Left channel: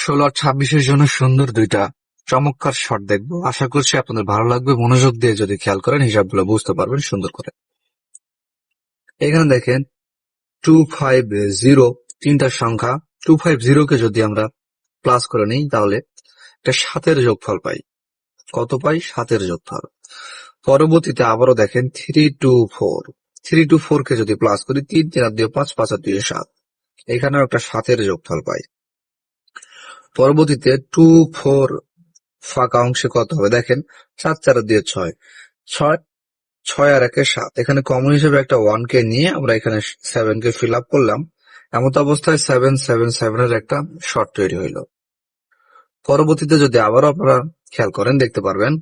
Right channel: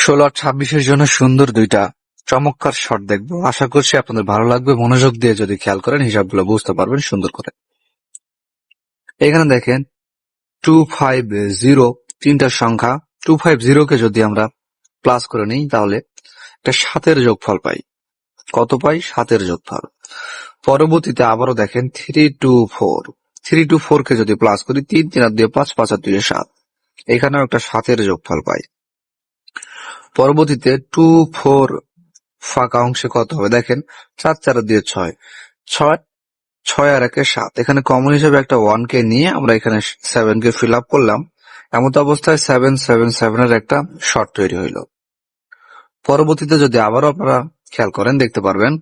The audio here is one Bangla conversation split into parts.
16 আর 26-এর জন্য সুন্দর দুইটা চমৎকার শট দেখবো। আশা করছি আপনাদের ভালো লাগবে। মনোযোগ দিয়ে যদি খেয়াল করেন হিসাবগুলো বুঝতে পারবেন সুন্দর করে। এখানে দেখেন 250 তিনটা সংখ্যা 250 কে যদি আমরা প্লাস করে নিই তাহলে একটা 7-এর যোগফল পাই। কত পাই? 7-এর যোগফল। পরবর্তীতে আবারও দেখেন 324 কে যদি প্লাস করি 3 3 আর 2 5 5 আর 2 7, এখানেও একটা 7-এর যোগফল পাই। পরবর্তীতে 24 ফাঁকা অংশে কত হবে দেখেন 4 4 আর 2 6 6 6 আর 1 7, এখানে কমন হিসেবে একটা 1 কে নিয়ে আমরা এখানে 7 কে ফিল আপ করলাম। এমত অবস্থায় 7 7 7 এর একটা শর্ট তৈরি হইলো। পরবর্তীতে যদি আবারও আপনারা খেয়াল করেন দেখতে পারবেন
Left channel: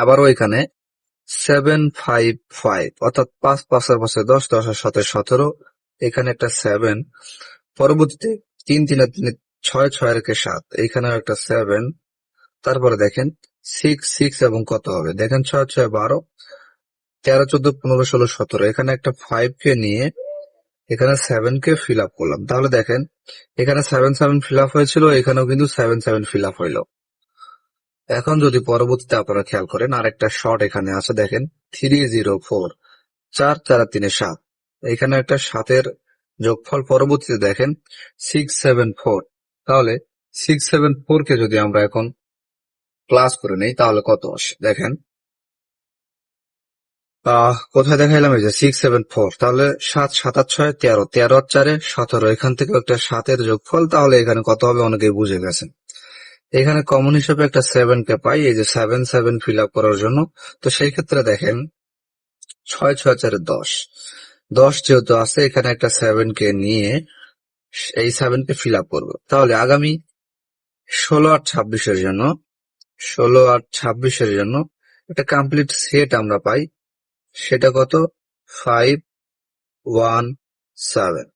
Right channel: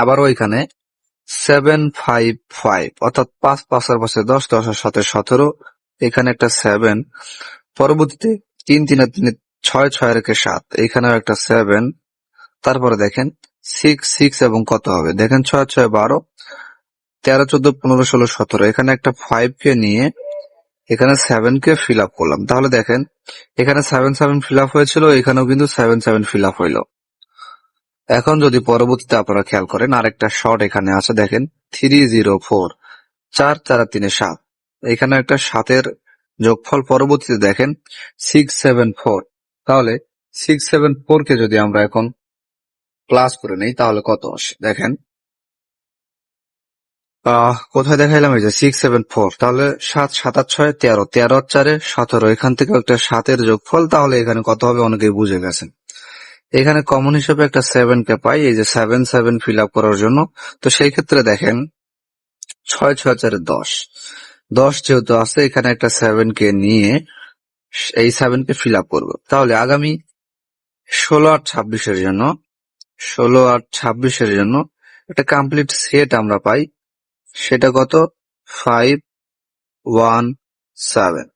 আবারও এখানে 755 অর্থাৎ 5 5 আর 5 10 10 আর 7 17, এখানে একটা 7। পরবর্তীতে 3 3 আর 3 6 6 আর 1 7, এখানেও একটা 7। তারপরে দেখেন 6 6 এবং কত হবে দেখেন 6 6 12 13 14 15 16 17, এখানে একটা 5 কে নিয়ে এখানে 7 কে ফিল আপ করলাম। তাহলে দেখেন এখানে 7 7 ফিল আপ হয়েছিল, এখানেও কিন্তু 7 7 ফিল আপ হইলো। এখন যদি পরবর্তীতে আপনারা খেয়াল করেন আরেকটা শর্ট এখানে আছে দেখেন 304 4 4 আর 3 7, এখানে একটা 7-এর যোগফল। পরবর্তীতে দেখেন 674, তাহলে 674 কে যদি আমরা এখন প্লাস করে নেই তাহলে কত আসে দেখেন কোথায় দেখাইলাম এই যে 674, তাহলে 7 7 আর 6 13 13 আর 4 17, এখান থেকে একটা 7-এর যোগফল। তাহলে এখানে কত হবে অনেকেই বুঝে গেছেন। এখানে কমন হিসেবে একটা 7 কে পাই এই যে 7 7 ফিল আপ করার জন্য। তো সেই ক্ষেত্রে দেখেন 6 6 4 10 10 যেহেতু আছে এখানে একটা 7 কে নিয়ে এই 7 কে ফিল আপ করবো। তাহলে আগামী 16 আর 26-এর জন্য 16 আর 26-এর জন্য একটা কমপ্লিট সেট আমরা পাই। সেটা কত 517।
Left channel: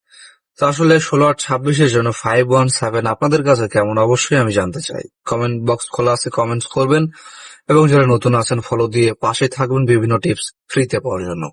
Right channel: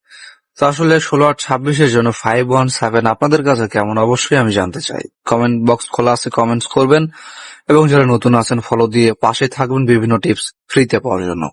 তো আসলে 16 আর 26-এর জন্য 517 আপনাদের কাছে কেমন অবশ্যই আমি জানতে চাই। কমেন্ট বক্স খোলা আছে, কমেন্টস করবেন এবং যারা নতুন আছেন ফলো দিয়ে পাশে থাকবেন বিভিন্ন টিপস ফ্রিতে পাওয়ার জন্য।